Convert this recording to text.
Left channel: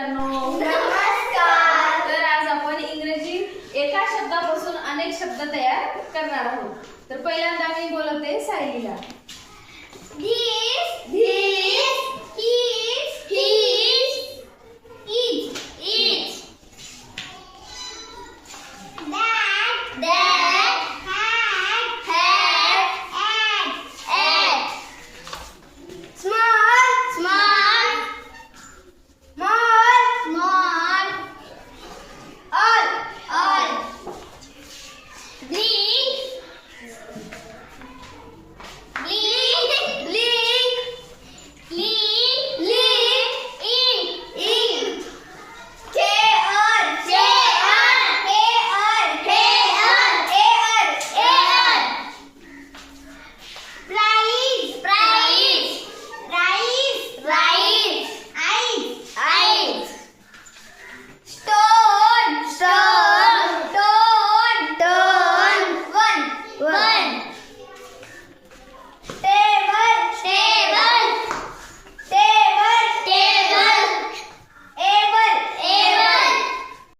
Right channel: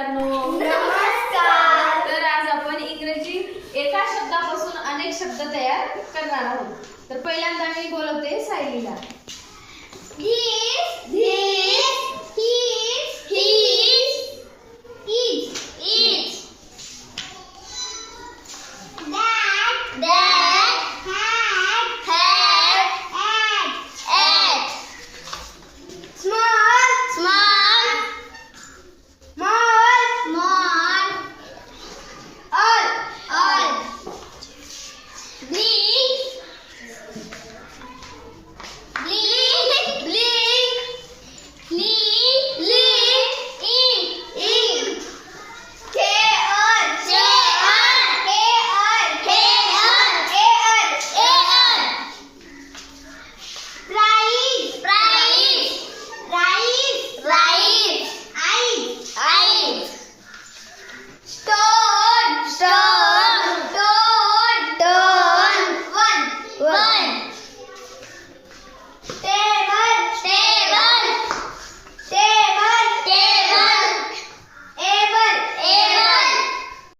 नमस्कार. तर आज आपण इंग्रजी एका शब्दापासून अनेक शब्द तयार करणार आहोत. तर पहिल्यांदा मी बोलते सायलीला. This, he,